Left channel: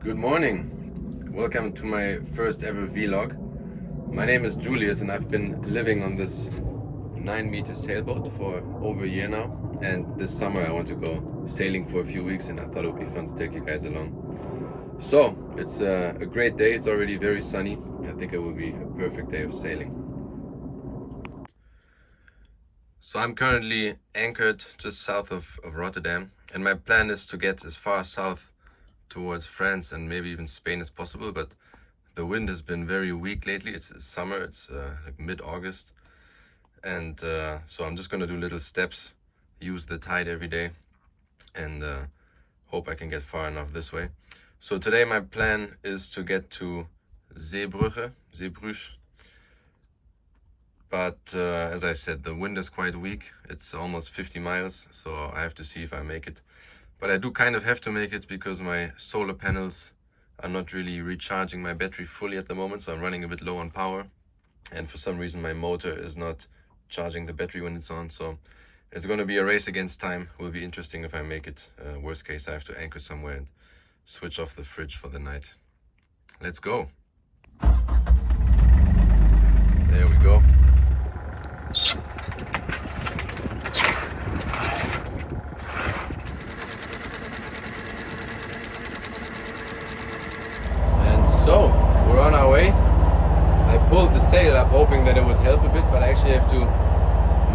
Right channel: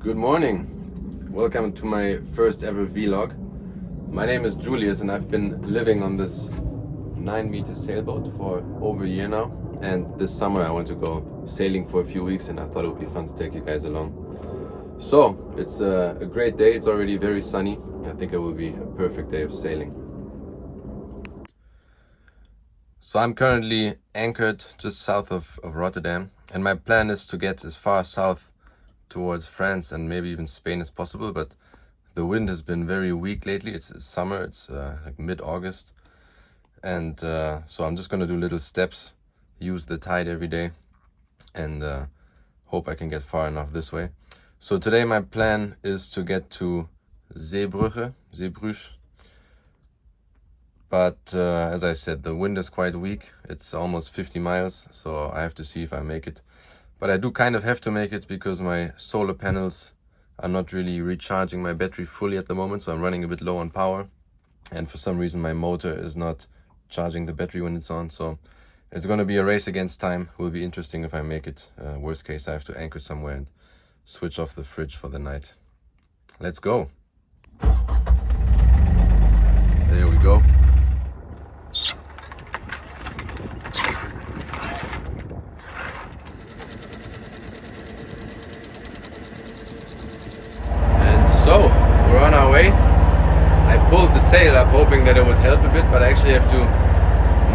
Good morning. Welcome to my first ever vlog. My name is Julius and I've been living on this 9-meter sailboat for over a year now. And this summer I want to go sailing for a few weeks and I thought it would be fun to take you guys along. So it's a great day. It's already very sunny. I think it will be a perfect day of sailing. So I'm currently anchored just south of Rotterdam and my plan is to get as far south towards France and maybe even Spain as possible, but the wind has been very weak lately. It's summer, it's like mid-August, and so I'm just going to do little steps, use the tide every day, and hope I can get far enough this way. So today my plan is to get to Zeebrugge, but as I said, the wind is quite weak. It's almost 50 miles, so I have to see if I make it. But I do kind of have to make it because my solar panels are not really recharging my battery fully at the moment, so I'm running a bit low on power. And for some reason my motor is not charging the battery when it's on, so it's going to be a race against time. It will be interesting if I make it. Worst case, I have to anchor somewhere and switch off the fridge for the night. Let's go. There we go. So, we're on our way. I pulled the sail up hoping that it would help a bit, but I actually have to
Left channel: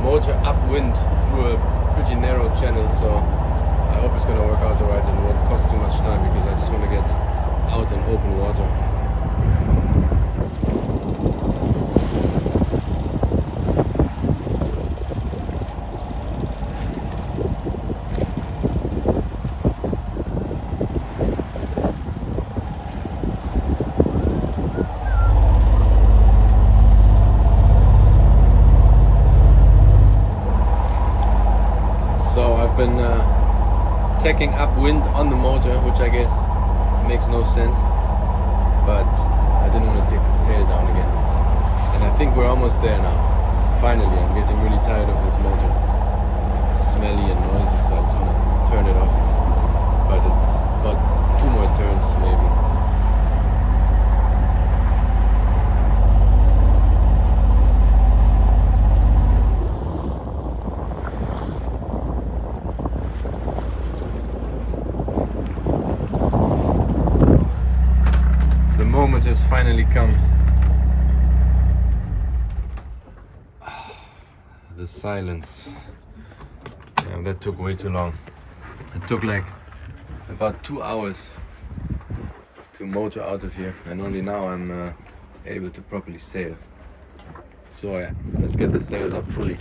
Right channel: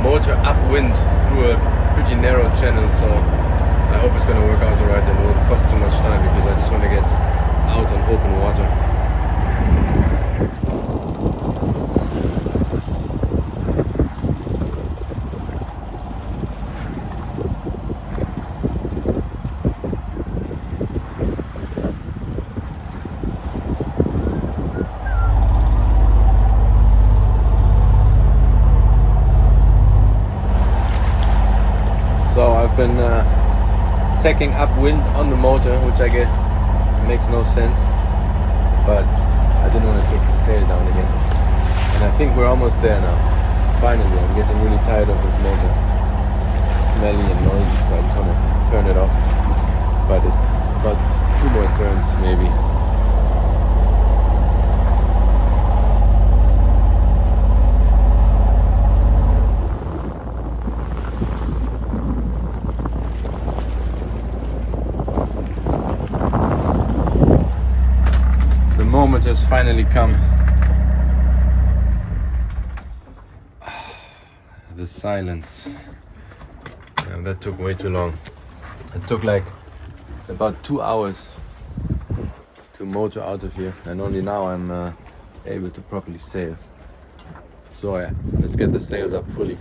motor upwind through a pretty narrow channel, so I hope it's going to work out alright and it won't cost too much time because I just want to get out on open water. I've been tacking upwind on the motor, which I guess makes no sense, but I didn't want to take the sail down again. And I think we're almost there now. Finally, I'm getting really tired of this motor. It's smelly and noisy, so I just want to turn it off. But it's about 2 more turns maybe. Moment has finally come. The silence. Yeah, that took way too long. It took like about 2 hours to motor out of here, and only now I'm able to properly sail. So yeah, let's get the sails up fully.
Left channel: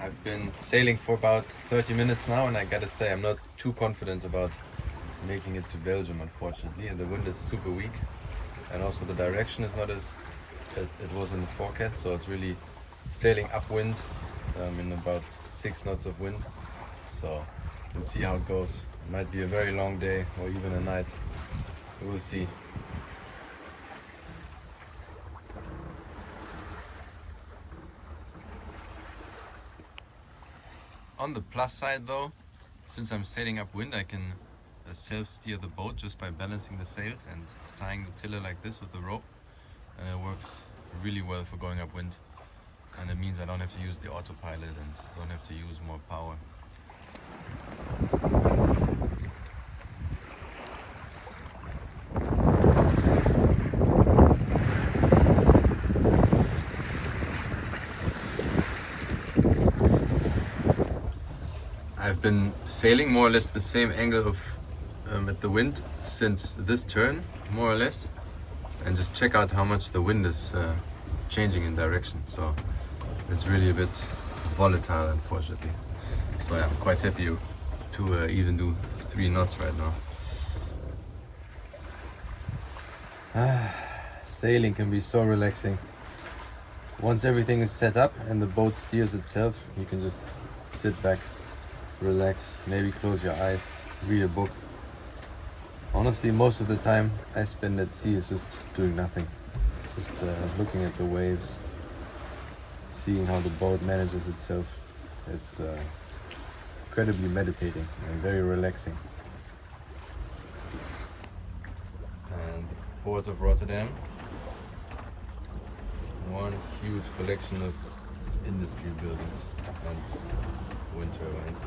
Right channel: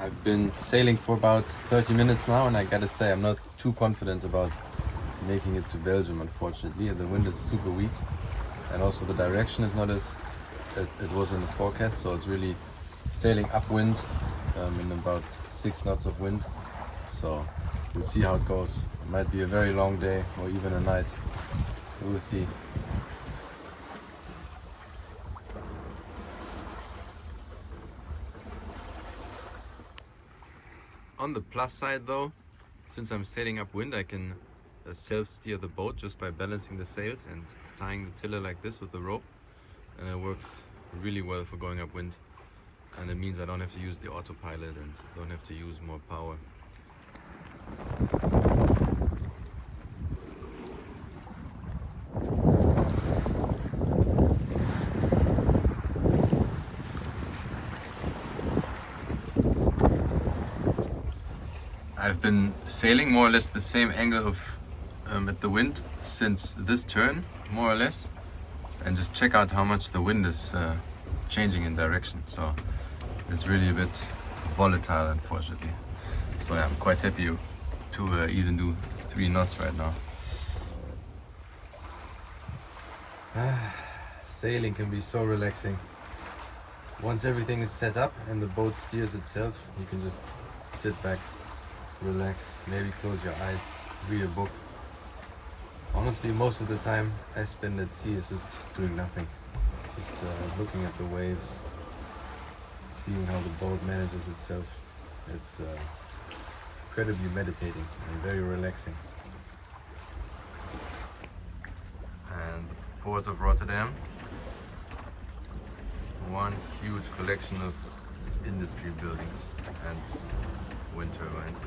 I've been sailing for about 30 minutes now, and I gotta say I'm not too confident about making it to Belgium, unfortunately. The wind is super weak, and also the direction is not as it was in the forecast, so it's really sailing upwind in about 6 knots of wind. So we'll see how it goes. It might be a very long day or even a night. We'll see. On the plus side though, since I'm sailing upwind, I can self-steer the boat just by balancing the sails and tying the tiller like this with the rope, and it works really well for going upwind, and it means I don't have to use the autopilot and don't have to use more power. I've been sailing more or less the same angle of at the wind since this turn, more or less, and just check out how much the wind is changing in direction. So it's really a bit volatile, unfortunately. So yeah, I'm quite happy to even do 3 knots right now. Sailing can be so relaxing. Once everything is set up and the boat steers itself, you can just sit back, relax, maybe close your eyes, read a book. Honestly, most of the time I spend at sea is just doing nothing. Just looking at the waves, seeing how the boat manages itself. It's incredibly meditating and very relaxing. And Port of Rotterdam, one huge collection of industry buildings and wind turbines.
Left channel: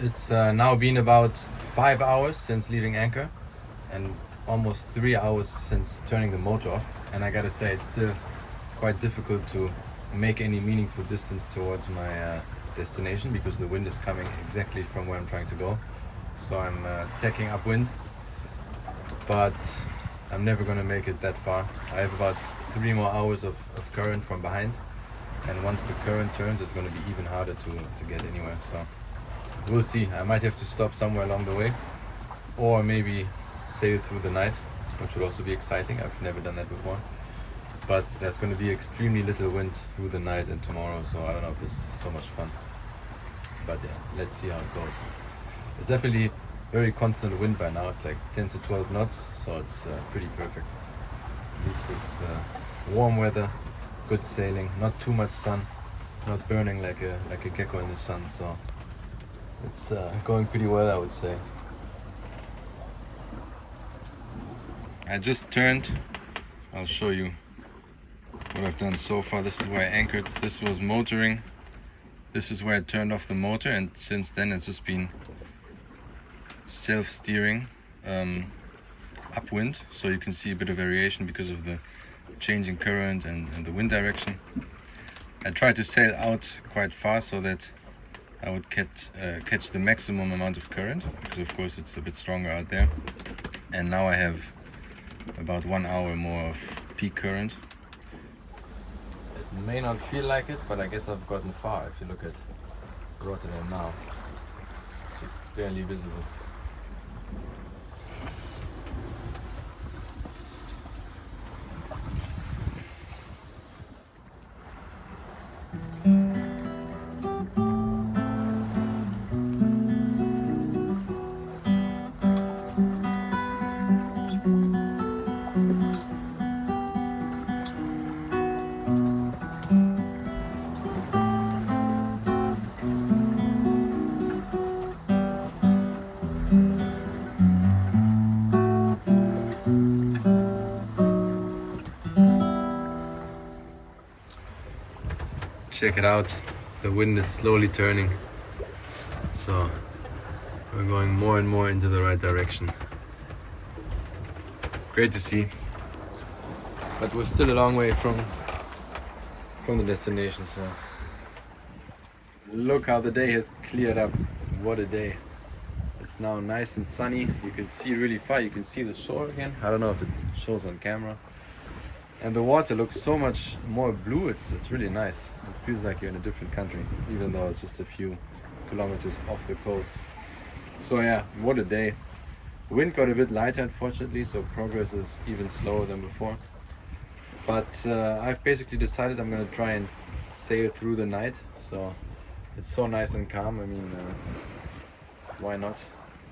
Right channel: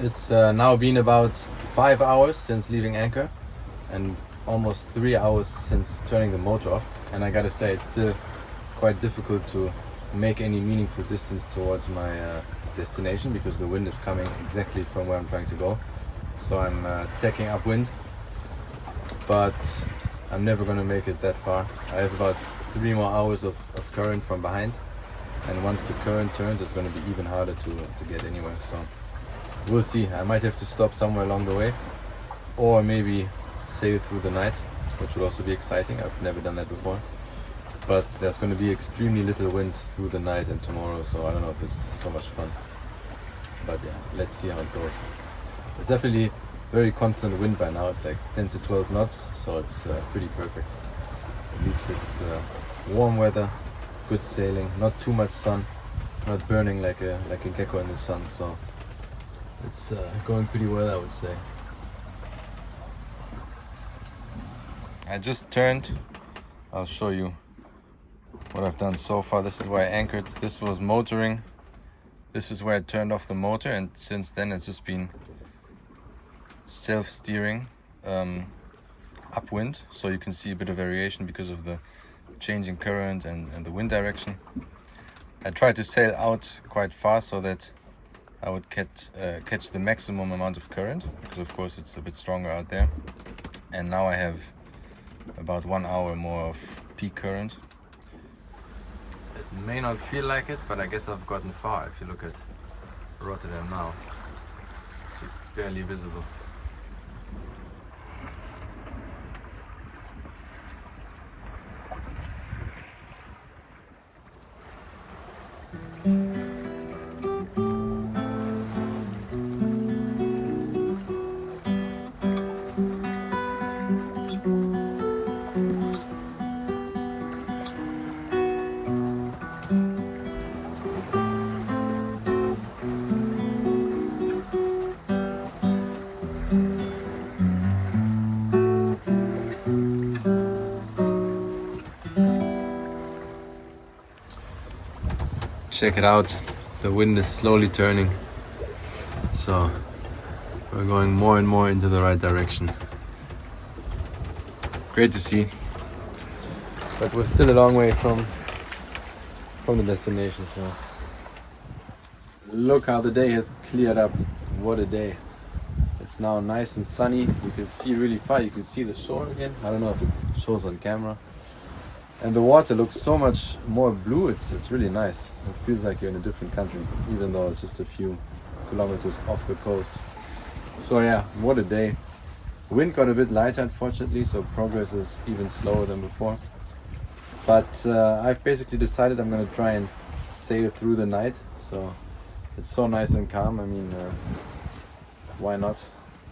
It's now been about 5 hours since leaving anchor and almost 3 hours since turning the motor off, and I gotta say it's still quite difficult to make any meaningful distance towards my destination because the wind is coming exactly from where I'm trying to go. So I'm tacking upwind, but I'm never gonna make it that far. I have about 3 more hours of current from behind, and once the current turns it's gonna be even harder to get anywhere. So we'll see. I might have to stop somewhere along the way, or maybe sail through the night, which would also be exciting. I've never done that before. But there's going to be extremely little wind through the night and tomorrow, so I don't know if it's so much fun. But yeah, let's see how it goes. It's definitely very constant wind by now. It's like 10 to 12 knots, so it's pretty perfect. At least it's warm weather, good sailing, not too much sun, not burning like a gecko in the sun. So it's going pretty well, I would say. I just turned. I'll show you what I've done so far. This is where I anchored. This was motoring. This is where I turned off the motor, and since then it's just been self-steering upwind. So you can see a bit of variation because of the changing current and the wind direction. I tried to sail out quite fast so that I would catch the maximum amount of current, because of course it's a bit stronger out there. And now I have about 1 hour more of peak current. It may not feel like it, but I guess I've gotten far. If you look at Rotterdam now, it's just barely visible. Check it out, the wind is slowly turning, so we're going more and more into the right direction. Great to see, but we're still a long way from the destination. So look how the day has cleared up. What a day. It's now nice and sunny. You can see really far. You can see the shore again. I don't know if it shows on camera. And the water looks so much more blue. It's really nice. It feels like you're in a different country, even though it's just a few kilometers off the coast. So yeah, what a day. Wind got a bit lighter, unfortunately, so progress is even slower than before. But I've basically decided I'm going to try and sail through the night. So it's so nice and calm. I mean, why not?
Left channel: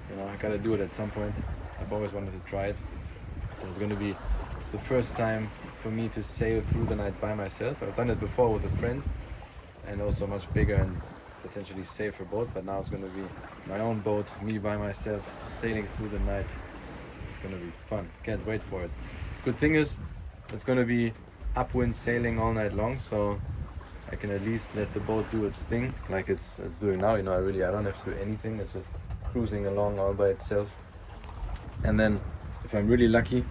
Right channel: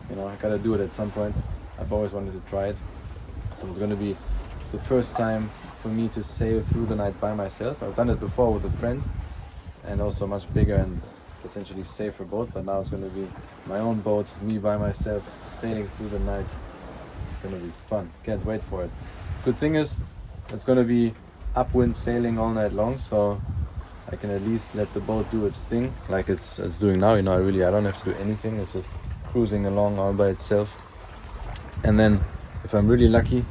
You know, I gotta do it at some point. I've always wanted to try it. So it's going to be the first time for me to sail through the night by myself. I've done it before with a friend, and also a much bigger and potentially safer boat, but now it's going to be my own boat, me by myself, sailing through the night. It's going to be fun. Can't wait for it. Good thing is, it's going to be upwind sailing all night long, so I can at least let the boat do its thing, like it's doing now. You know, I don't have to do anything. It's just cruising along all by itself. And then, if I'm really lucky,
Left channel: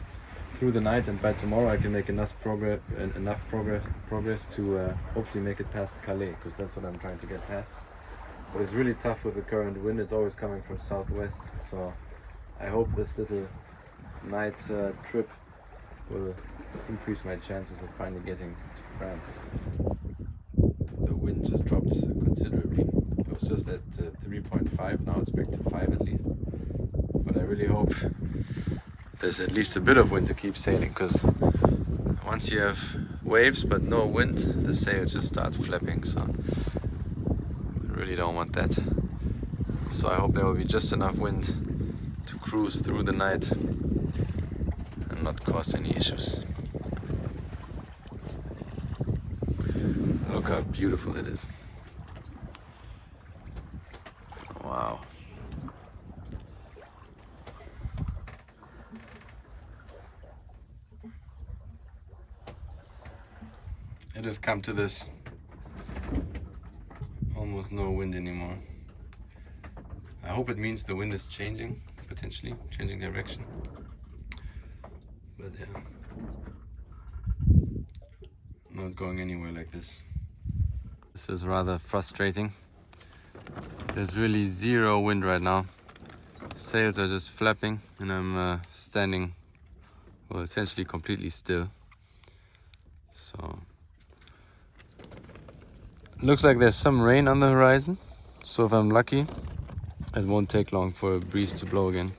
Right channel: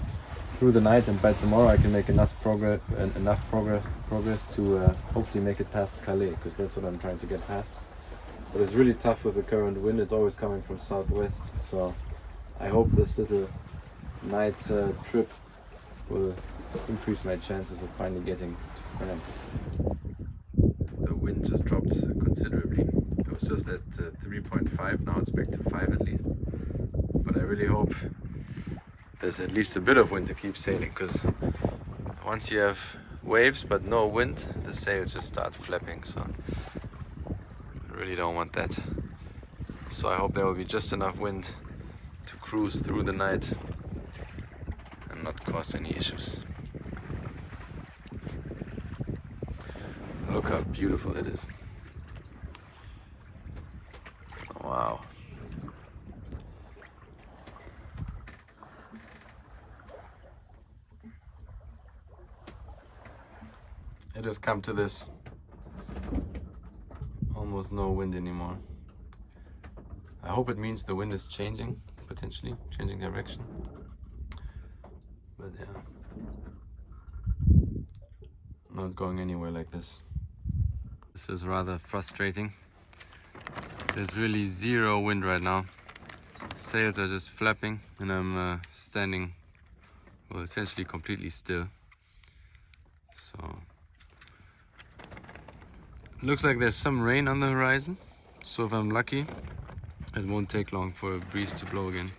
through the night, and by tomorrow I can make enough progress to hopefully make it past Calais, because that's what I'm trying to get past. But it's really tough with the current wind. It's always coming from southwest. So I hope this little night trip will increase my chances of finally getting to France. The wind just dropped considerably. It was just at 3.5, now it's back to 5 at least. But I really hope there's at least a bit of wind to keep sailing, because once you have waves but no wind, the sails just start flapping, so I really don't want that. So I hope there will be just enough wind to cruise through the night and not cause any issues. Look how beautiful it is. Wow. It has come to this. Almost no wind anymore. I hope it means the wind is changing, potentially changing direction. But yeah, not going anywhere like this. This is rather frustrating. There's really zero wind right now. Sails are just flapping and I'm standing, well, essentially completely still. So looks like there's some rain on the horizon, so if I'm lucky it won't take long for a breeze to blow again.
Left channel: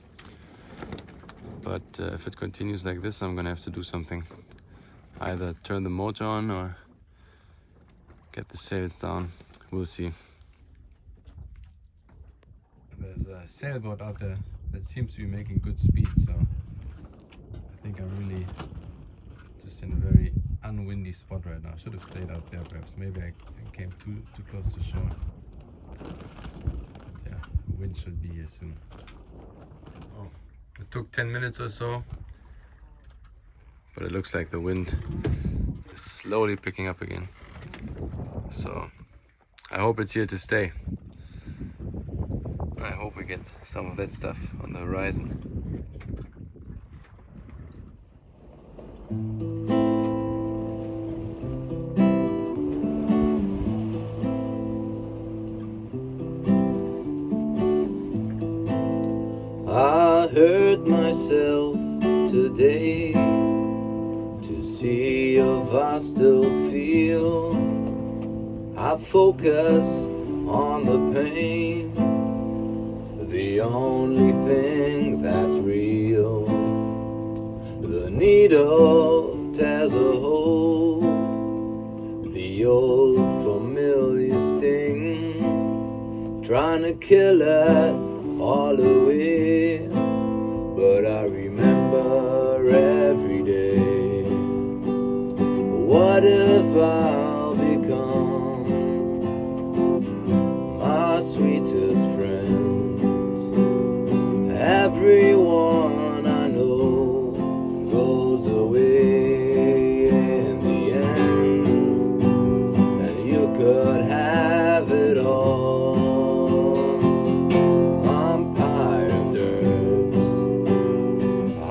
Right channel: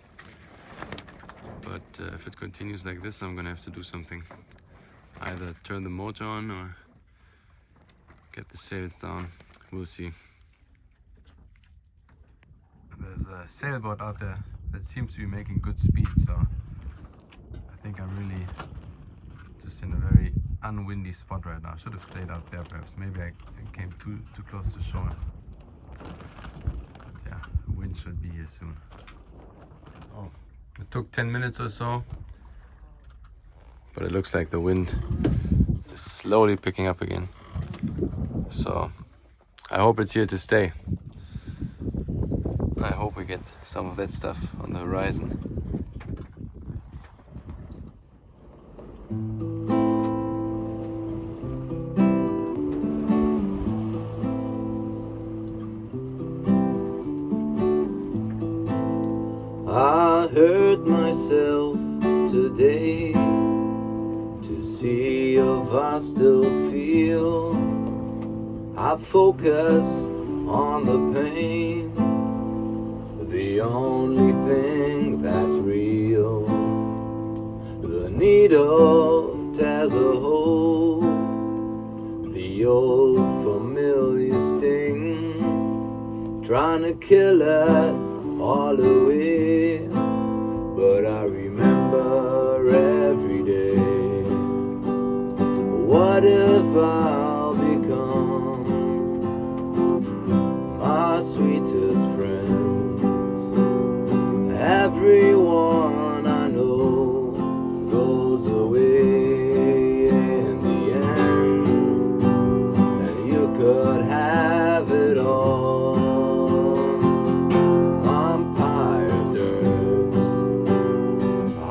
But if it continues like this, I'm gonna have to do something. Either turn the motor on or get the sails down. We'll see. There's a sailboat out there that seems to be making good speed, so I think I'm really just in a very unwindy spot right now. I should have stayed out there perhaps. Maybe I came too close to shore. But yeah, the wind should be here soon. Oh, it took 10 minutes or so, but it looks like the wind is slowly picking up again. So I hope it's here to stay. I hope we get some of that stuff on the horizon. I hurt myself today to see if I still feel. I focus on the pain, the only thing that's real. The needle tears a hole, the old familiar sting, trying to kill it all away. But I remember every day, what if I'll become my sweetest friend? Everyone I know goes away in the end, and you could have it all. I'm tired of dirt,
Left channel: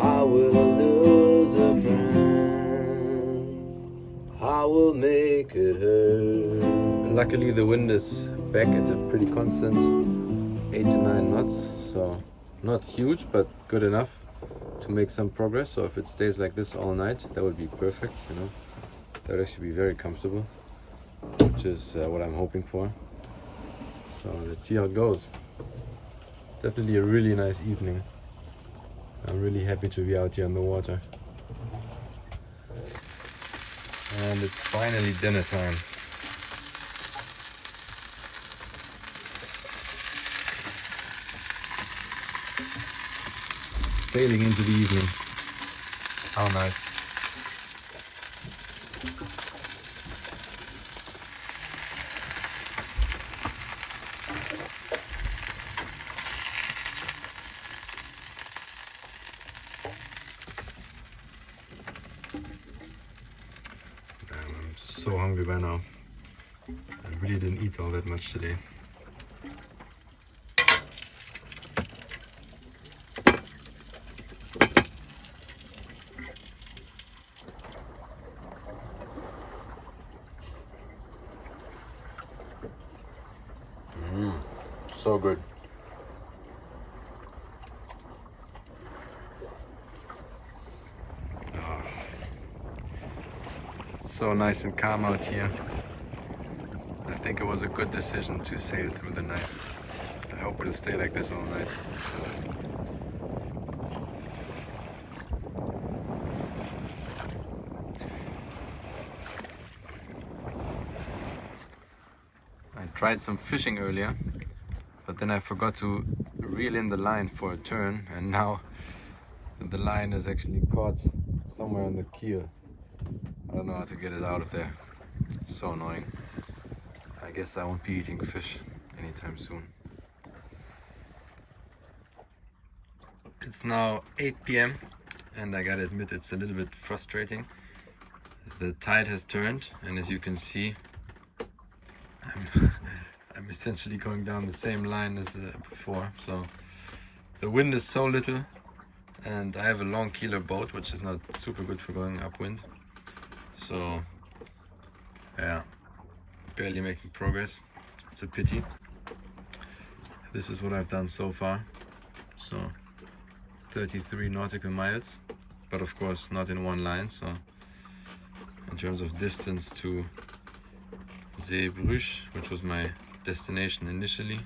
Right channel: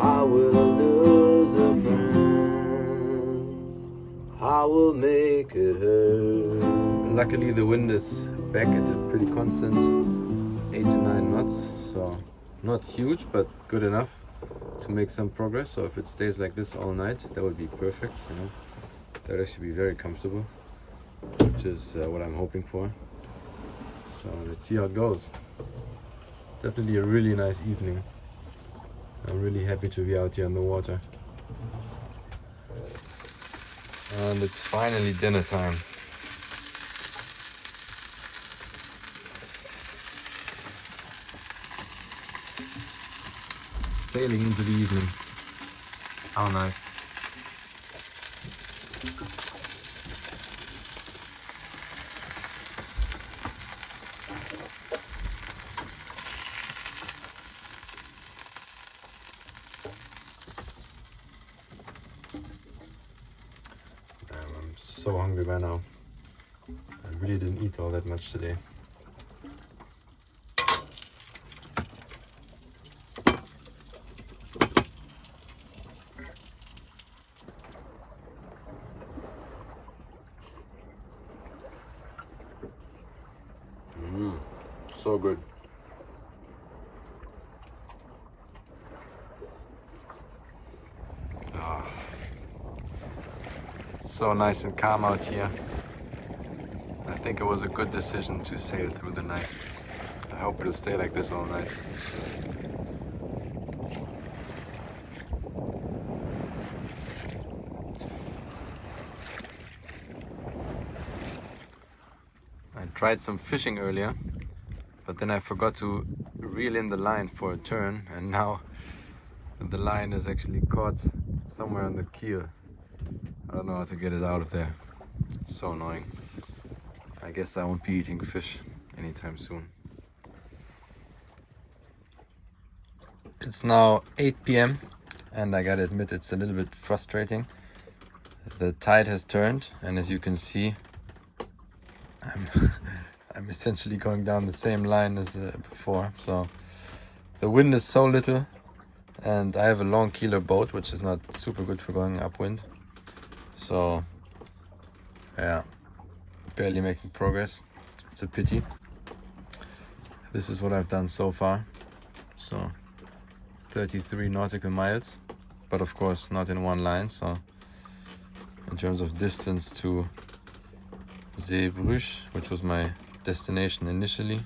I will lose a friend, I will make it hurt. Luckily the wind is back at a pretty constant 8 to 9 knots, so not huge, but good enough to make some progress. So if it stays like this all night, that would be perfect, you know. That would actually be very comfortable, which is what I'm hoping for. So let's see how it goes. It's definitely a really nice evening. I'm really happy to be out here on the water. And it's finally dinner time. Sailing into the evening. How nice. I'm so hungry by now. I really didn't eat all that much today. so nice and calm out here. I think it was a good decision to sail through the night. I hope it'll stay like this all night. I tried some fishing earlier, but then I forgot to reel in the line for a turn, and now the line is actually caught somewhere on the keel. I don't know how to get it out of there. It's so annoying. I guess I won't be eating fish anytime soon. It's now 8 p.m. and I gotta admit it's a little bit frustrating. The tide has turned, and as you can see, I'm essentially going down the same line as before. So the wind is so little, and I have a long keeler boat, which is not super good for going upwind. So yeah, barely making progress. It's a pity. This is what I've done so far. So 33 nautical miles, but of course not in one line. So in terms of distance to Zeebrugge, which was my destination initially,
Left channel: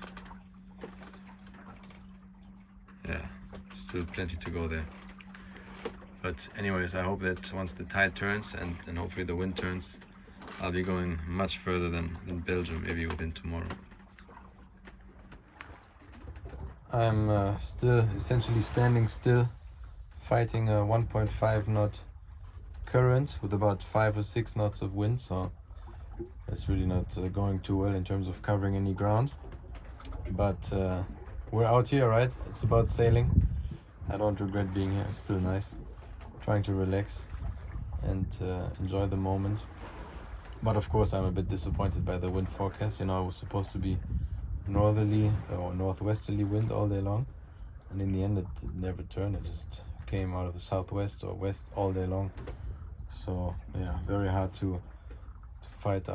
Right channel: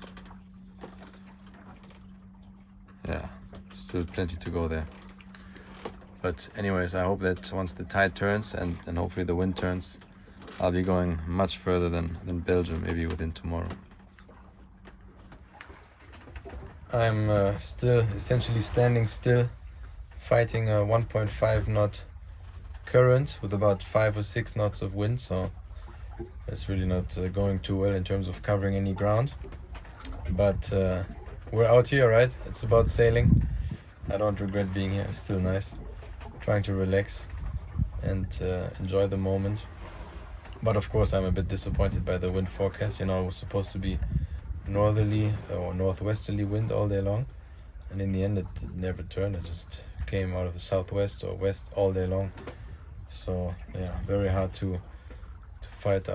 yeah, still plenty to go there. But anyways, I hope that once the tide turns and hopefully the wind turns, I'll be going much further than Belgium, maybe within tomorrow. I'm still essentially standing still, fighting a 1.5 knot current with about 5 or 6 knots of wind, so it's really not going too well in terms of covering any ground. But we're out here, right? It's about sailing. I don't regret being here. It's still nice. Trying to relax and enjoy the moment. But of course, I'm a bit disappointed by the wind forecast. You know, it was supposed to be northerly or northwesterly wind all day long, and in the end it never turned. It just came out of the southwest or west all day long. So yeah, very hard to fight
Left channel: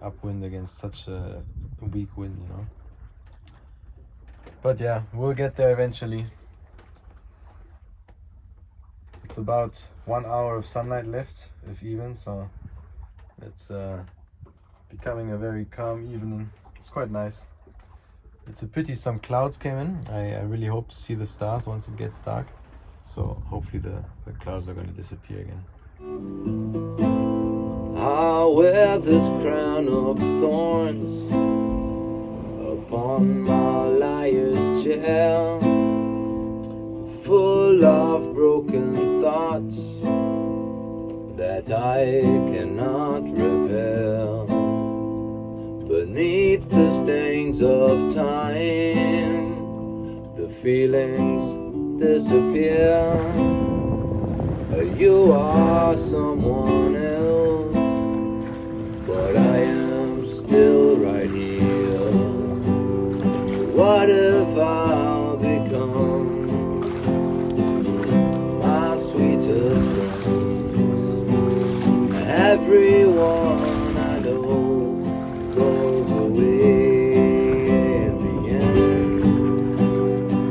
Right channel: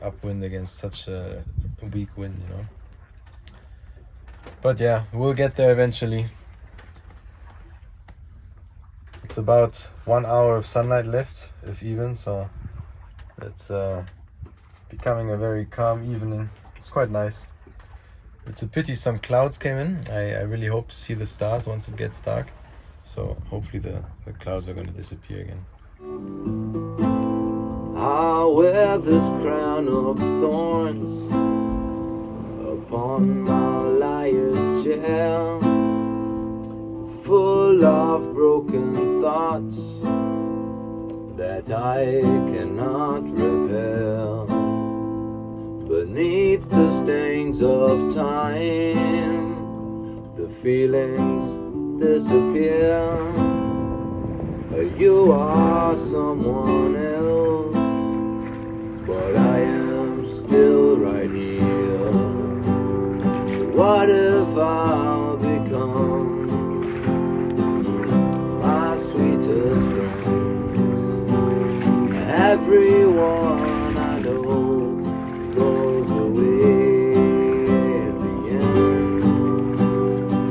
upwind against such a weak wind, you know. But yeah, we'll get there eventually. It's about 1 hour of sunlight left, if even, so it's becoming a very calm evening. It's quite nice. It's a pity some clouds came in. I really hope to see the stars once it gets dark. So hopefully the clouds are going to disappear again. I'll wear this crown of thorns upon my liar's chair, full of broken thoughts that I cannot repair. Beneath the stains of time, the feelings disappear. You are someone else, but I am still right here. What if I'll become my sweetest friends? Everyone I know goes away at the end,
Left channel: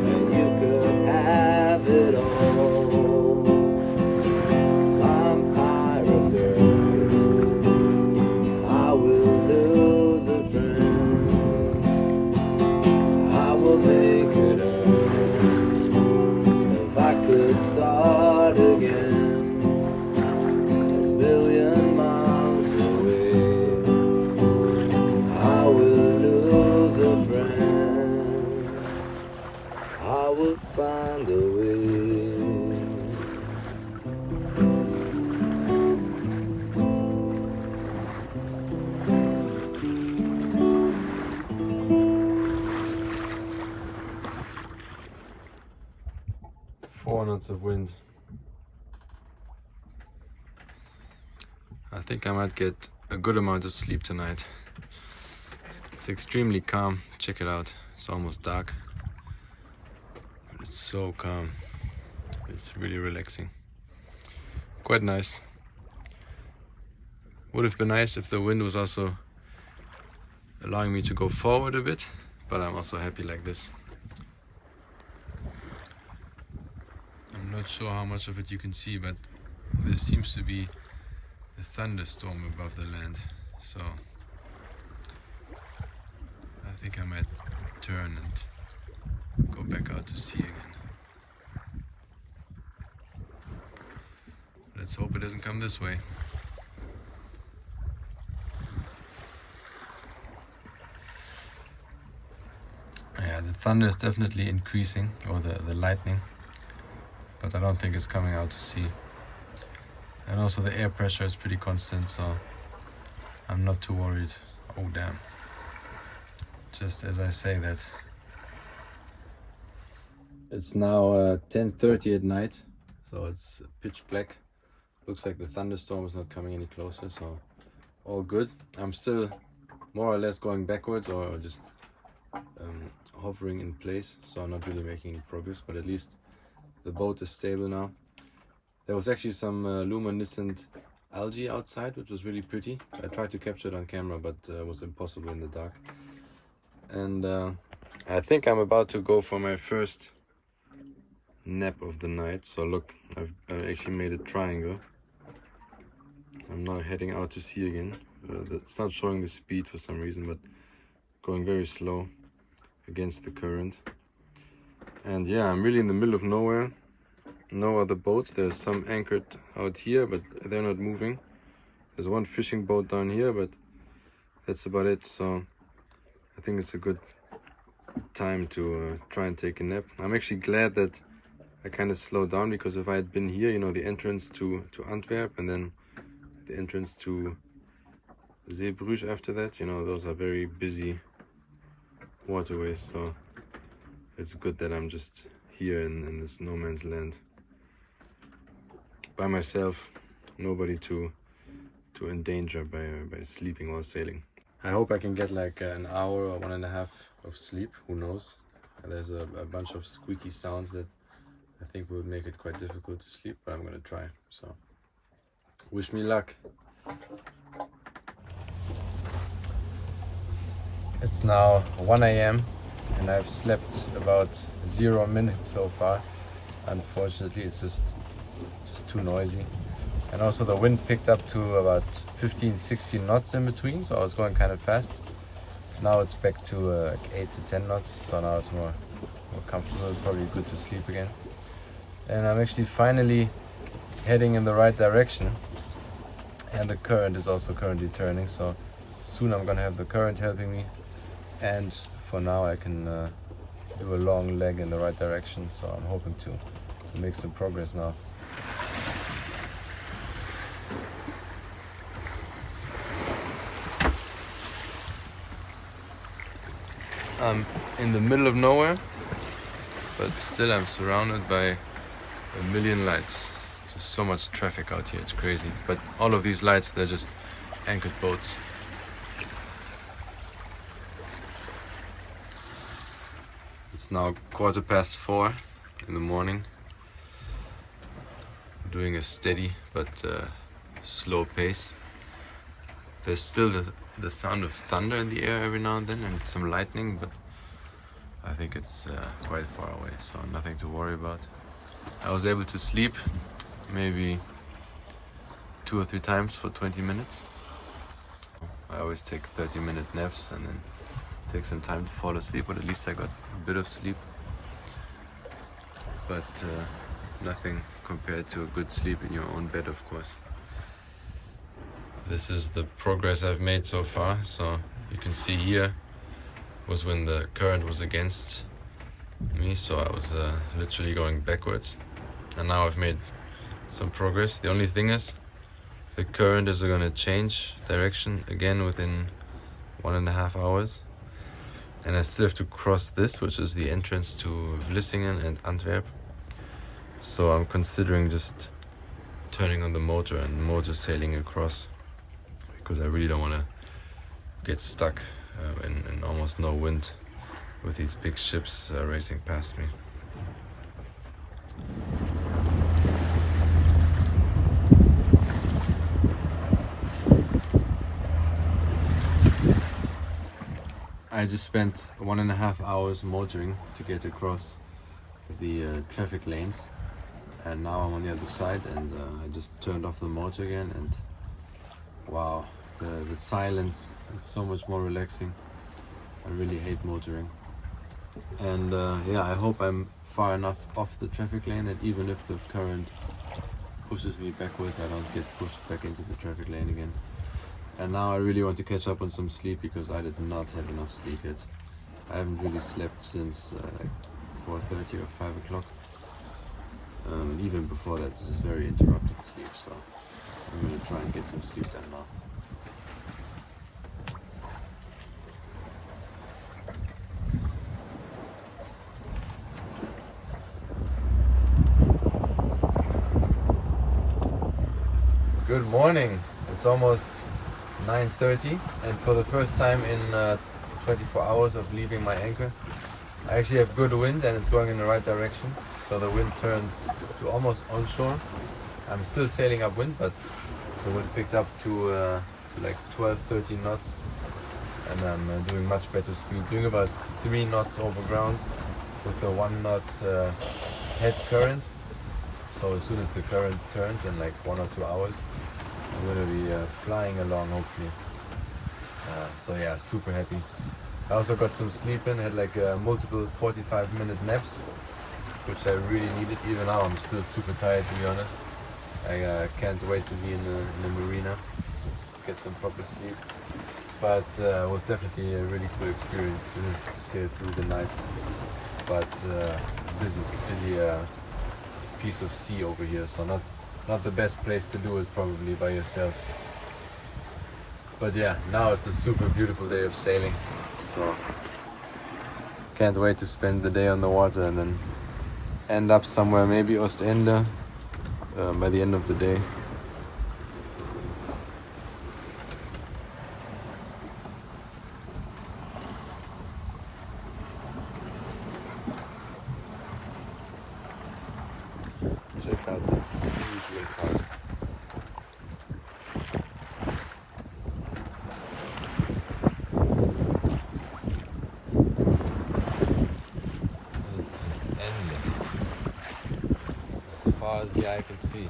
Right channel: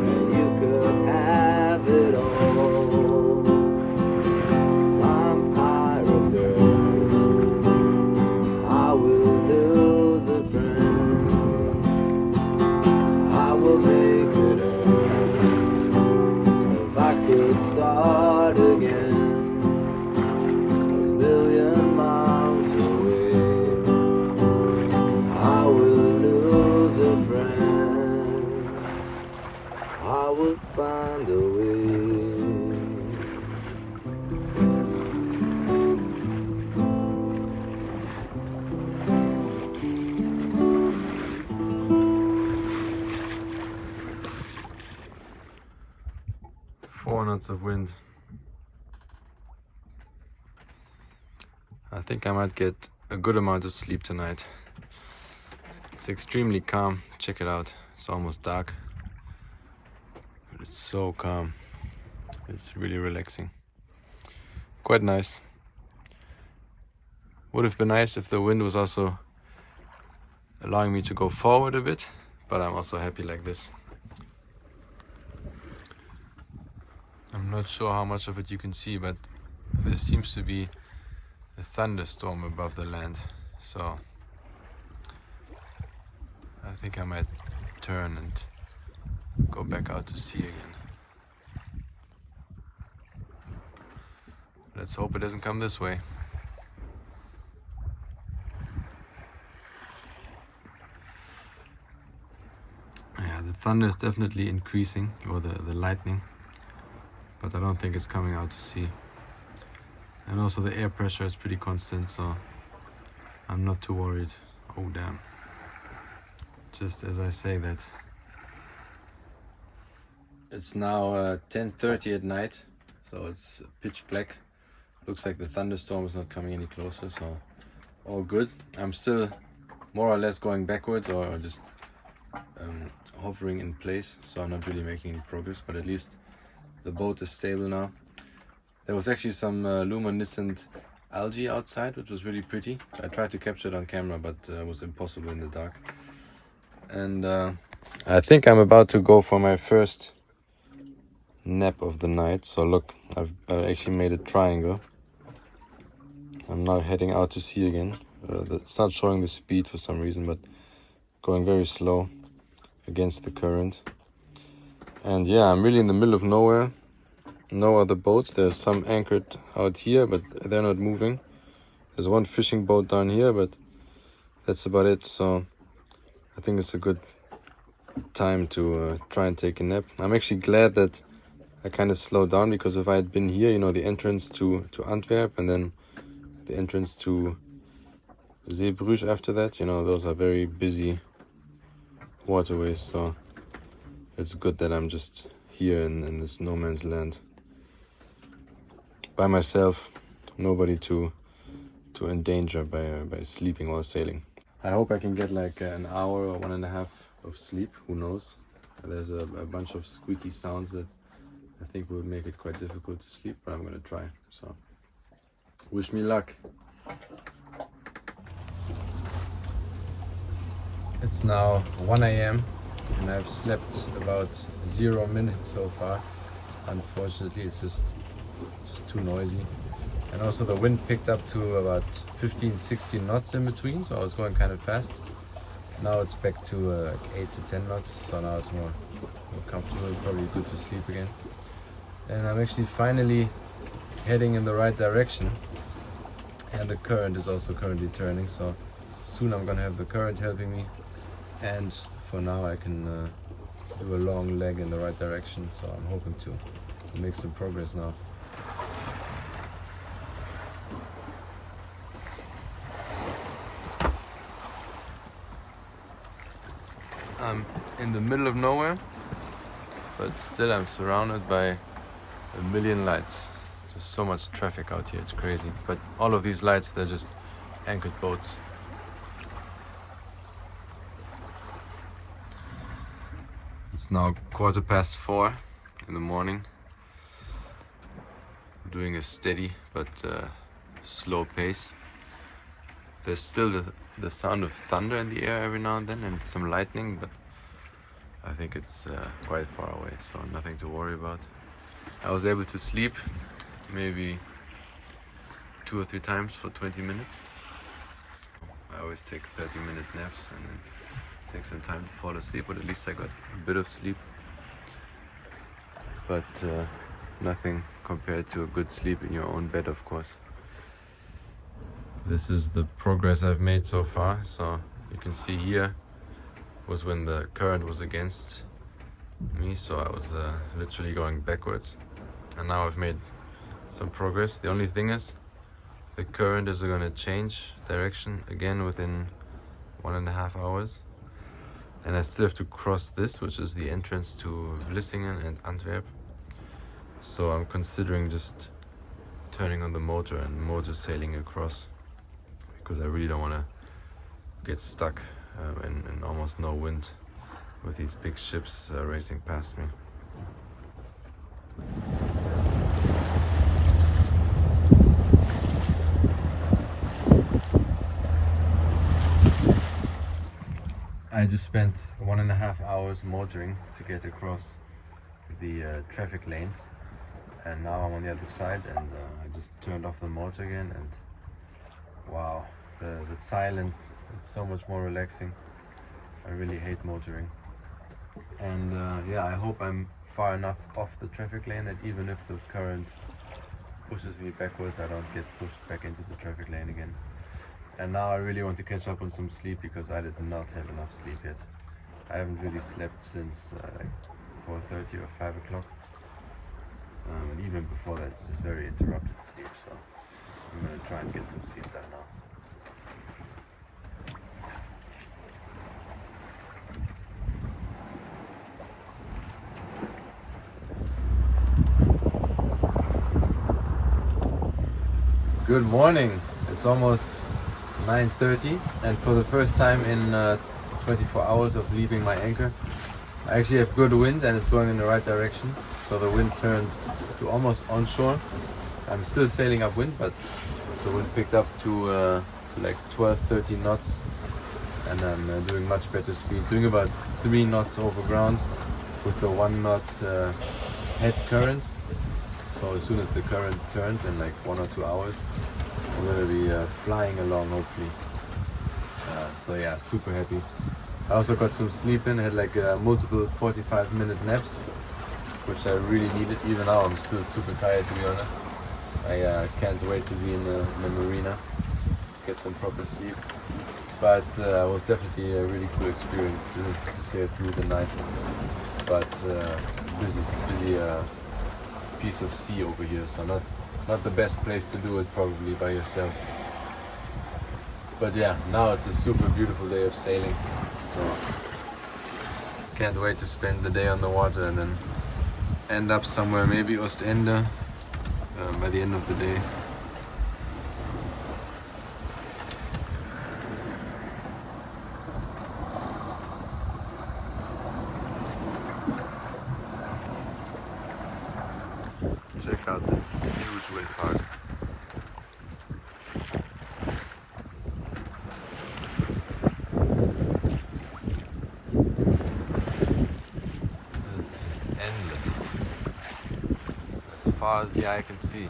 and you could have it all. Vampire of dirt, I will lose a friend, I will make it end. If I could start again, a million miles away, I will lose a friend, I will find a way. 4 knots of wind. I think I might get a good amount of sleep tonight. It's extremely calm. Check it out. It's almost dark, but it's so calm. It's really relaxing. Quite nice. Would have been nice if the wind was also allowing me to go forward a bit, but I'm also happy like this. I'm not sure how much of it you can see, but there seems to be a thunderstorm above the land, so I think I might turn and go back out to sea again. Let's hope it doesn't come this way. Yeah, the thunder is definitely increasing, or the lightning, but I don't think it's coming out to sea. And also the air pressure is pretty constant, so I'm not too worried. Oh damn. Just as I say that. It's now 10:30 at night, so it's pitch black. Looks like the thunderstorm is not coming any closer, so all good. I'm still more or less going backwards, or just hovering in place, so I'm not really making any progress, but at least the boat is stable now. There was actually some luminescent algae outside, which was really pretty. I tried to capture it on camera, but it was impossible in the dark. And I think I'm about to go for my first nap of the night. So look, I've actually made a triangle. I'm now heading out to sea again. It's not showing the speed for some reason, but going very slow against the current. And yeah, I'm really in the middle of nowhere. No other boats. There's some anchored out here, but they're not moving. There's one fishing boat down here, but that's about it. So I think it's a good time to try and take a nap. I'm actually glad that I kind of slowed down, because if I had been here, you know, the entrance to Antwerp and then the entrance to Zeebrugge after that, you know, those are very busy waterways. So it's good that I'm just here in this no man's land by myself, nobody to endanger by sleeping while sailing. I hope I can get like an hour or 1.5 of sleep, who knows. There's a bunch of squeaky sounds that I think will make it quite difficult to sleep, but I'm gonna try. So wish me luck. It's now 1 a.m. and I've slept about 0 minutes so far. Unfortunately, it's just too noisy. And also the wind picked up to about 15-16 knots in between, so I was going kind of fast. Now it's back to like 8 to 10 knots, so now it's more comfortable, probably good to sleep again. And I'm actually finally heading in the right direction, and the current is also currently turning, so soon I'm gonna have the current helping me, and for now I can do a long leg in the right direction, so I'm hoping to make some progress now. I'm in the middle of nowhere, but still I'm surrounded by a million lights. There's so much traffic out here, it's crazy. But all of these lights, they're just anchored boats. It's now 4:15 in the morning. I'm doing a steady but slow pace. There's still the sound of thunder in the air every now and then, and some lightning, but I think it's quite far away, so nothing to worry about. I was able to sleep maybe 2 or 3 times for 20 minutes. I always take 30-minute naps and then take some time to fall asleep, but at least I got a bit of sleep. But nothing compared to a good sleep in your own bed, of course. This is the progress I've made so far. So you can see here was when the current was against me, so I was literally going backwards, and now I've made some progress. The only thing is the current is going to change direction again within 1.5 hours, and I still have to cross this, which is the entrance to Vlissingen and Antwerp. So I'm considering just turning on the motor and motor sailing across, because I really don't want to get stuck in almost no wind with these big ships racing past me. I just spent 1.5 hours motoring to get across the traffic lanes, and now I'm on the other side, and I just turned off the motor again, and wow, the silence is so much more relaxing. I really hate motoring. And yeah, I hope I'm far enough off the traffic lane that even if the current pushes me backwards, I don't get pushed back into the traffic lane again. And now I really want to catch up on some sleep because I did not have enough sleep yet. I haven't really slept since like 4:30 or 5 o'clock. And even before that, it's just very interrupted sleep, so I'm gonna try and get some sleep done now. Good morning. It's almost 9:30, and for the first time in 24 hours of leaving my anchor, I actually have good wind and it's going in the right direction. So the wind turned to almost onshore. I'm still sailing upwind, but the wind picked up to like 12-13 knots, and I'm doing much better speed, doing about 3 knots over ground with the 1 knot head current. So as soon as the current turns in like 1 or 2 hours, I'm going to be flying along, hopefully. So yeah, super happy. I also got some sleep in, had like multiple 45-minute naps, which I really needed. Even now I'm still super tired, to be honest. I can't wait to be in the marina, get some proper sleep. But it was definitely a really cool experience to sail through the night. But busy piece of sea over here, so not the best place to do it probably by yourself. But yeah, now it's a super beautiful day of sailing, so can't wait to spend the day on the water and then end up somewhere, maybe Ostend by the end of the day. Check out this huge wind park. It's just endless, as far as the eye can see.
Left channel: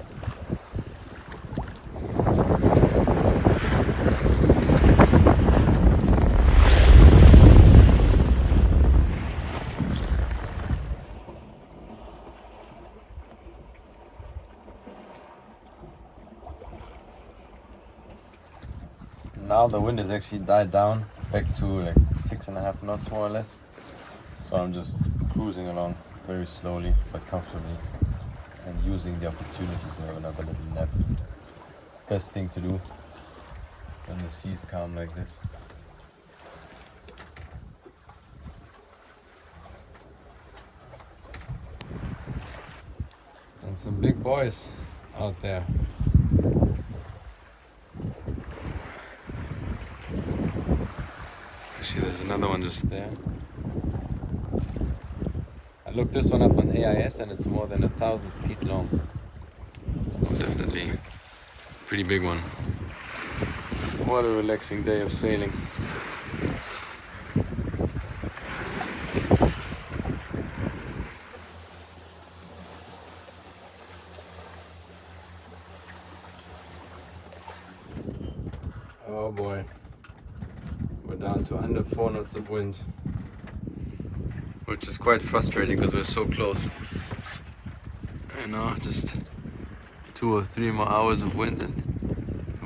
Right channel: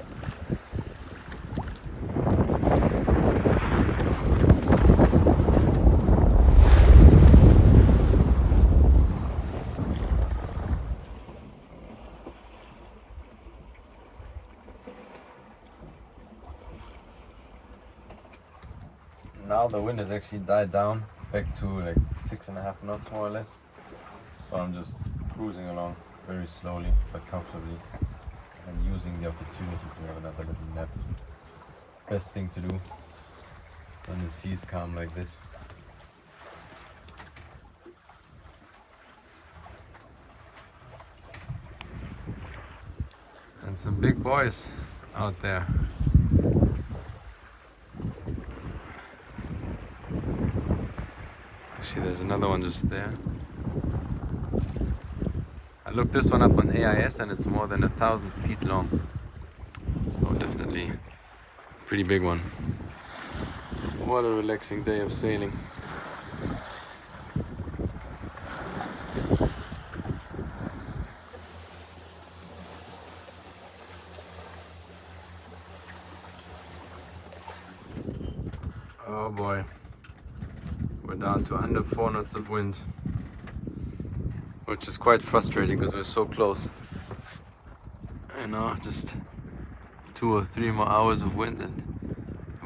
Now the wind has actually died down back to like 6.5 knots more or less. So I'm just cruising along very slowly but comfortably and using the opportunity to have another little nap. Best thing to do when the sea's calm like this. And some big boys out there. Actually, there's another one just there. I looked this one up on AIS and it's more than 1,000 feet long. So definitely a pretty big one. What a relaxing day of sailing. Oh boy. We're down to under 4 knots of wind, which is quite frustrating because we're so close. I know, just 2 or 3 more hours of wind and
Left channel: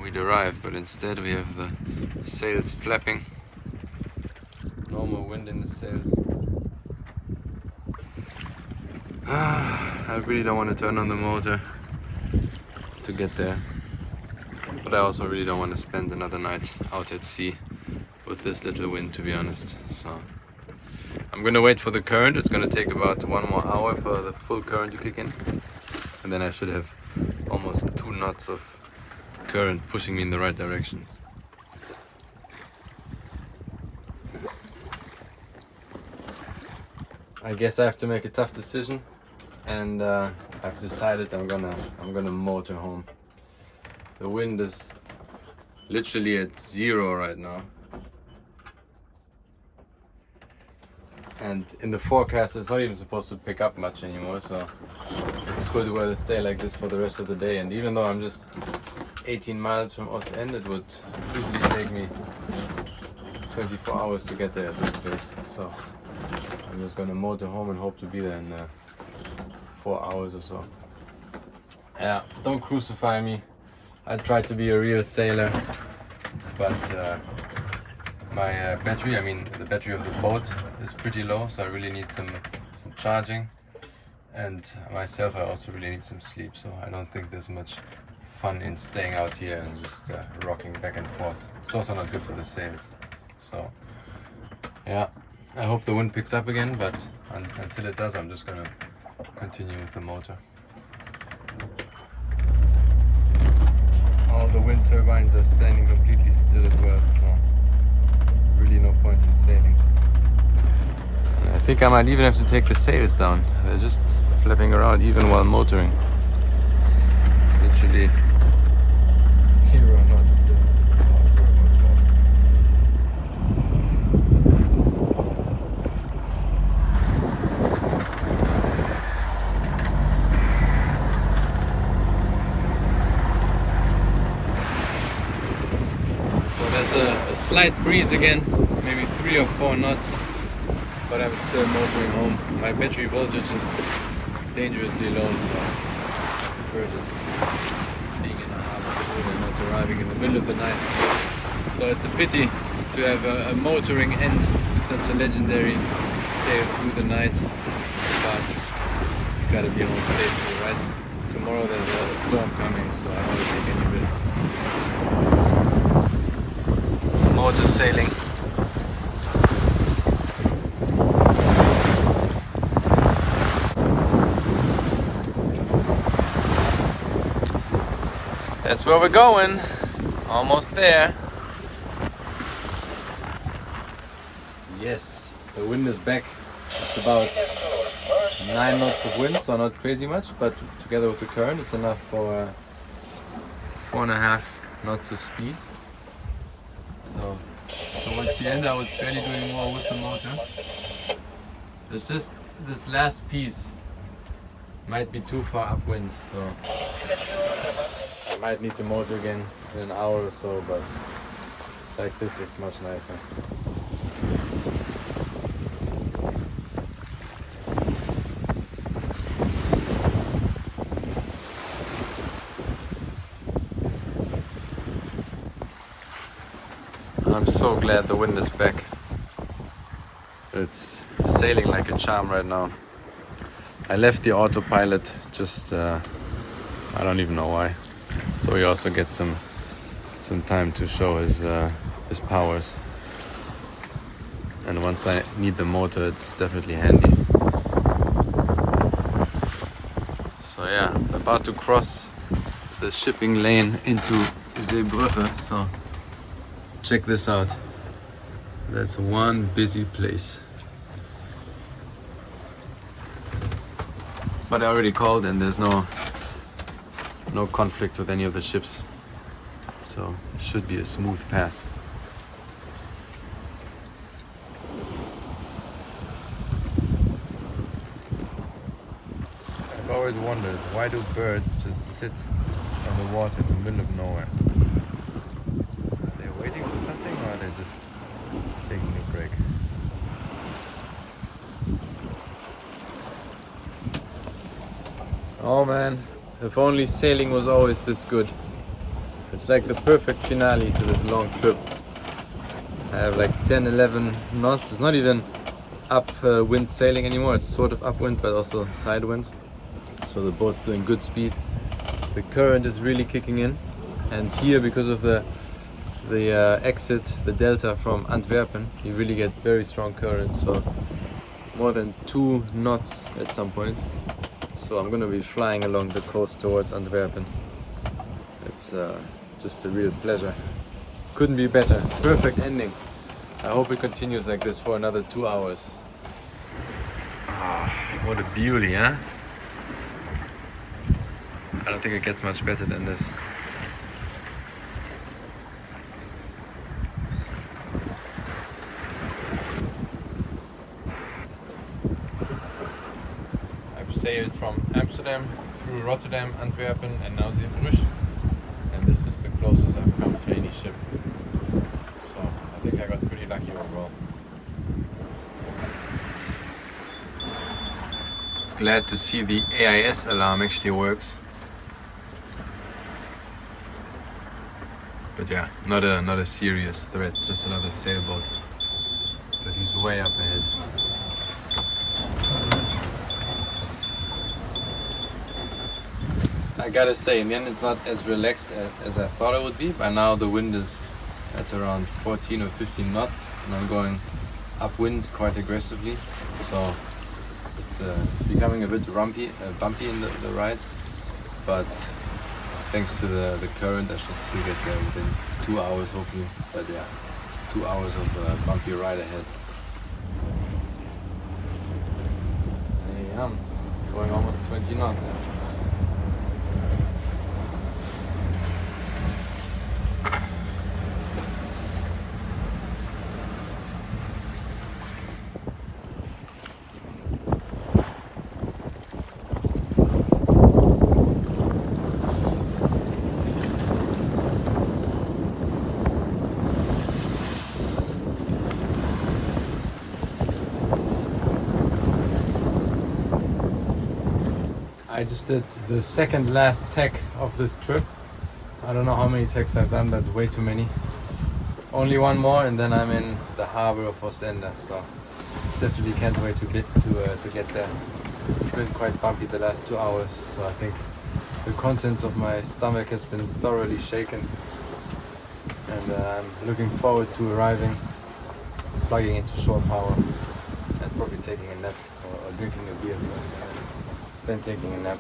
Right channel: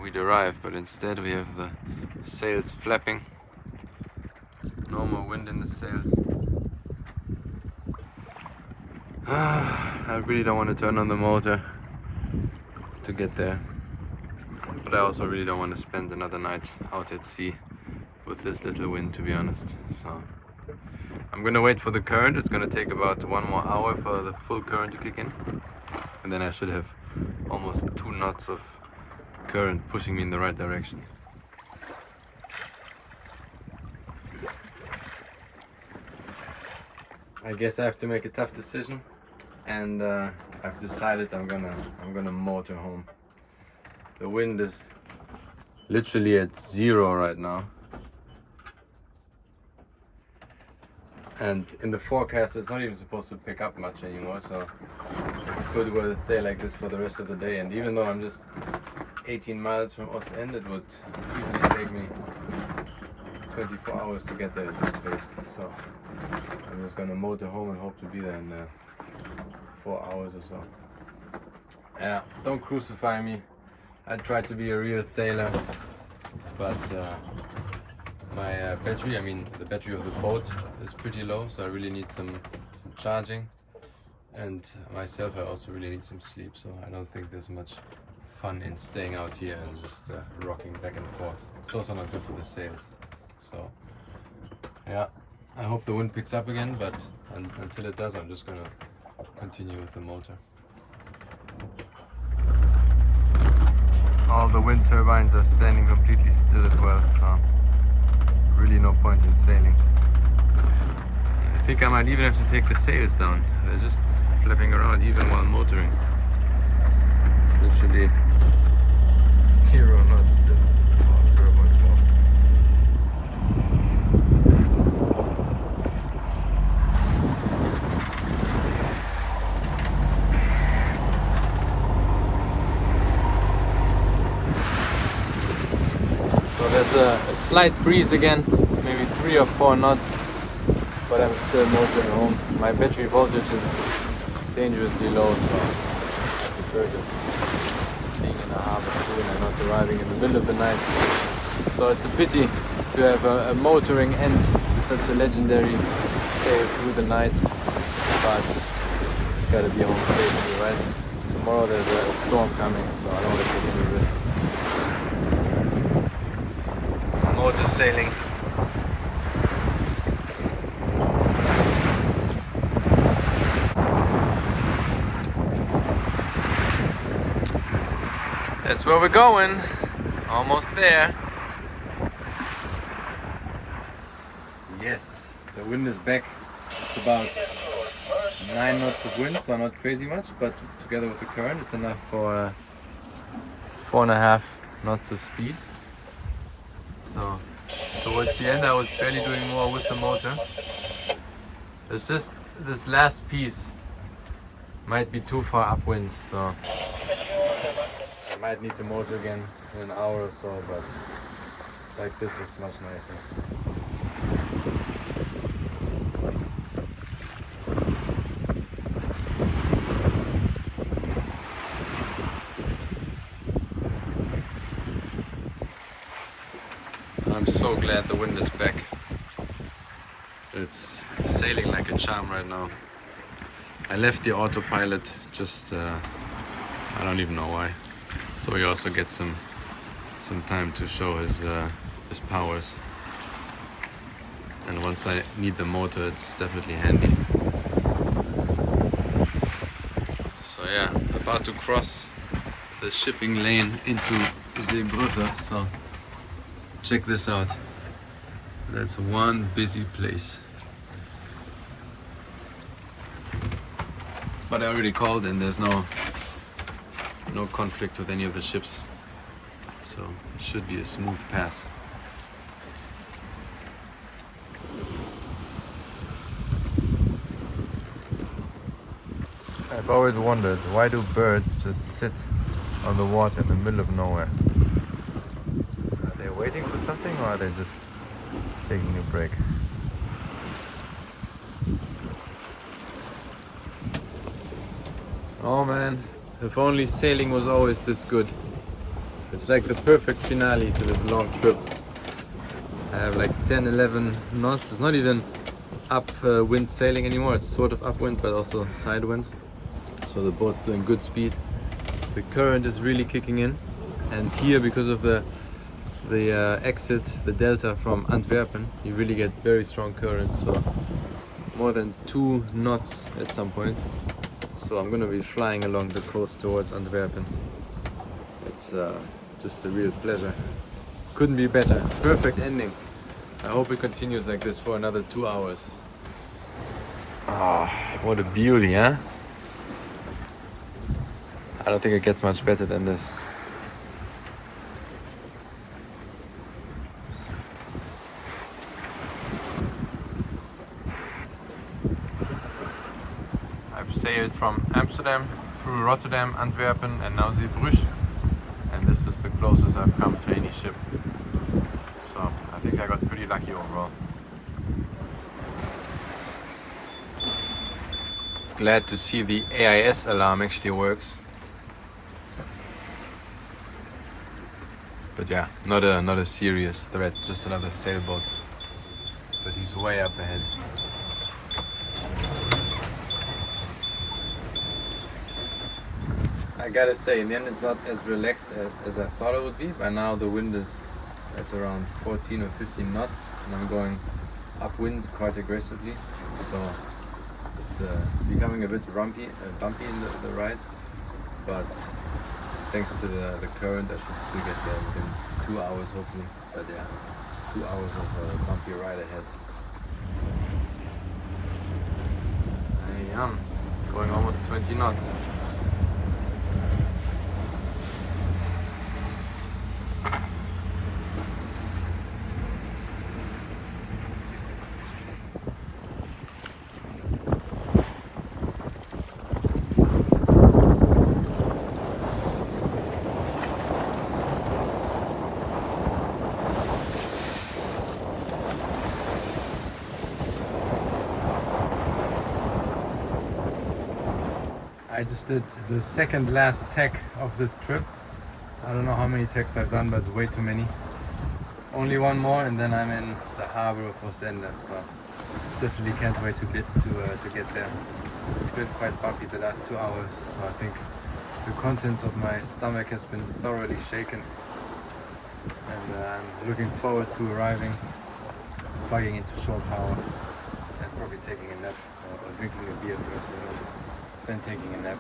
we'd arrive, but instead we have the sails flapping. No more wind in the sails. I really don't want to turn on the motor to get there, but I also really don't want to spend another night out at sea with this little wind, to be honest. So I'm gonna wait for the current. It's gonna take about 1 more hour for the full current to kick in, and then I should have almost 2 knots of current pushing me in the right directions. I guess I have to make a tough decision, and I've decided I'm gonna motor home. The wind is literally at 0 right now. And in the forecast, it's not even supposed to pick up much anymore, so it could well stay like this for the rest of the day. And even though I'm just 18 miles from Ostend. It would easily take me 24 hours to get there at this place. So I'm just gonna motor home and hope to be there in 4 hours or so. Yeah, don't crucify me. I tried to be a real sailor, but my battery, I mean the battery of the boat, is pretty low, so I really need some charging. And myself, I also really need some sleep, so I don't think there's much fun in staying out here and just rocking back and forth. It's also not good for the sails. So yeah, I hope the wind picks up again, but until it does, I'm just gonna continue with the motor. All the wind turbines are standing completely still as well, so really no point in sailing. I think I might even have to take the sails down. They're just flapping around even while motoring. It's literally 0 knots still. So there's a slight breeze again, maybe 3 or 4 knots, but I'm still motoring home. My battery voltage is dangerously low, so I prefer just being in the harbor soon and not arriving in the middle of the night. So it's a pity to have a motoring end to such a legendary sail through the night, but gotta be home safely, right? Tomorrow there's a storm coming, so I don't want to take any risks. Motor sailing. That's where we're going. Almost there. Yes, the wind is back. It's about 9 knots of wind, so not crazy much, but together with the current, it's enough for 4.5 knots of speed. So towards the end I was barely doing more with the motor. It's just this last piece might be too far upwind, so I might need to motor again in an hour or so, but like this is much nicer. I'm so glad the wind is back. It's sailing like a charm right now. I left the autopilot just, I don't even know why. So he also gets some time to show his powers. And once I need the motor, it's definitely handy. So yeah, about to cross the shipping lane into Zeebrugge. So check this out. That's one busy place. But I already called and there's no conflict with any of the ships. So it should be a smooth pass. I've always wondered, why do birds just sit on the water in the middle of nowhere? Are they waiting for something, or are they just taking a break? Oh man, if only sailing was always this good. It's like the perfect finale to this long trip. I have like 10-11 knots. It's not even upwind sailing anymore. It's sort of upwind but also sidewind. So the boat's doing good speed. The current is really kicking in. And here, because of the exit, the delta from Antwerpen, you really get very strong currents. So more than 2 knots at some point. So I'm gonna be flying along the coast towards Antwerpen. It's just a real pleasure. Couldn't be better. Perfect ending. I hope it continues like this for another 2 hours. Ah, what a beauty, huh? I don't think it gets much better than this. I've sailed from Amsterdam through Rotterdam, Antwerpen and now Zeebrugge. And this is closest I've come to any ship. So I think I got pretty lucky overall. Glad to see the AIS alarm actually works. But yeah, not a serious threat, just another sailboat. But he's way up ahead. I gotta say, in the end it's not as relaxed as I thought it would be. By now the wind is at around 14 or 15 knots and I'm going upwind quite aggressively. So it's becoming a bit bumpy in the ride. But thanks to the current I should still get there within 2 hours hopefully. But yeah, 2 hours of bumpy ride ahead. I am going almost 20 knots. I just did the second last tack of this trip. I don't know how many tacks I've done, but way too many. Only one more and then I'm in the harbor of Ostend, so definitely can't wait to get there. It's been quite bumpy the last 2 hours, so I think the contents of my stomach has been thoroughly shaken. And I'm looking forward to arriving, plugging into shore power, and probably taking a nap or drinking a beer first thing, and then taking a nap.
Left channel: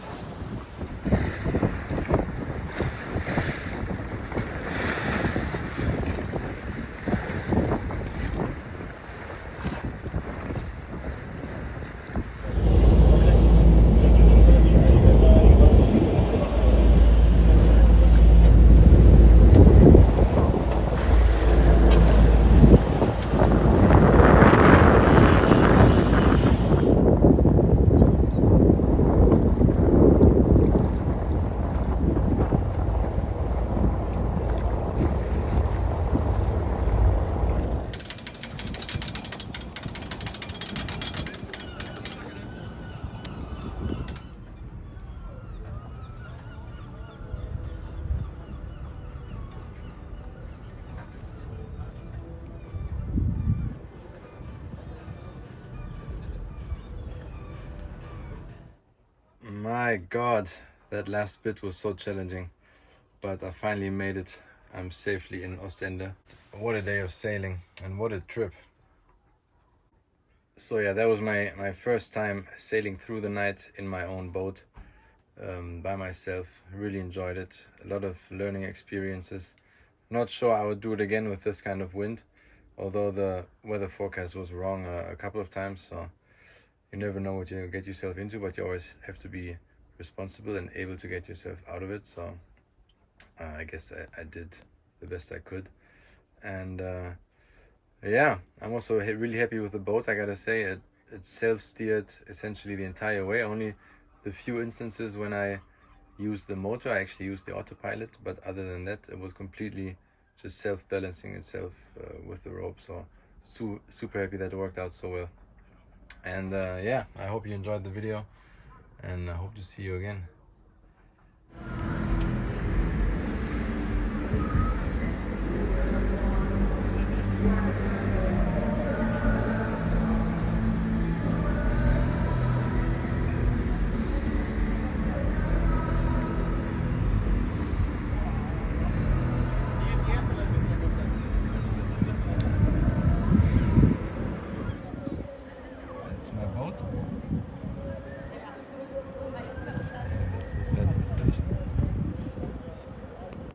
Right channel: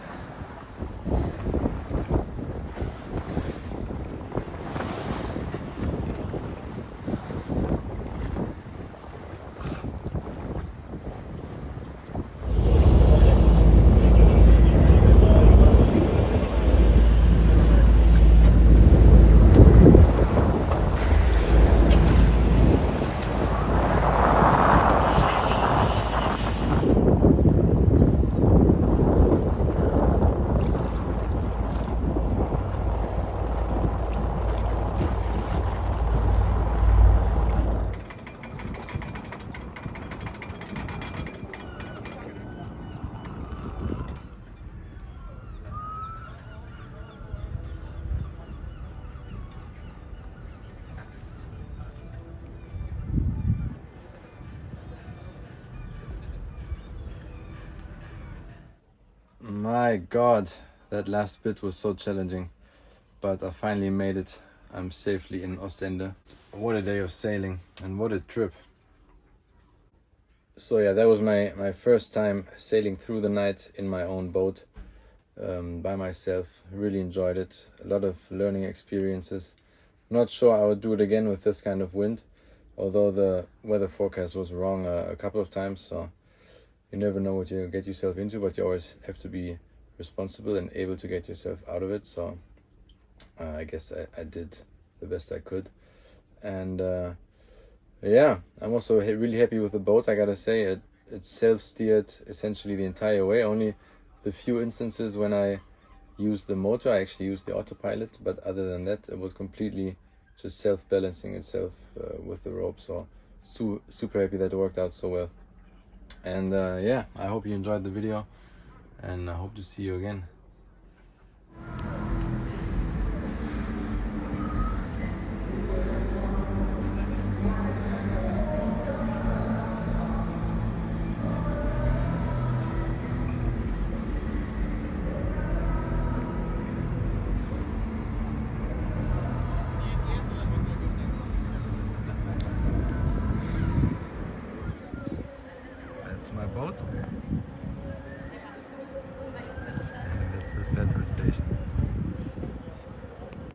My God, that last bit was so challenging, but I finally made it. I'm safely in Ostend. What a day of sailing and what a trip. So yeah, that was my first time sailing through the night in my own boat by myself. Really enjoyed it. A lot of learning experiences. Not sure I would do it again with this kind of wind, although the weather forecast was wrong a couple of times, so you never know what you get yourself into, but you always have to be responsible and able to get yourself out of it. So I guess I did the best I could. And yeah, I'm also really happy with the boat. I gotta say, it's self-steered essentially the entire way. Only the few instances when I used the motor, I actually used the autopilot, but other than that, it was completely just self-balancing itself with the rope. So super happy that it worked out so well. And yeah, I hope you enjoyed the video and I hope to see you again.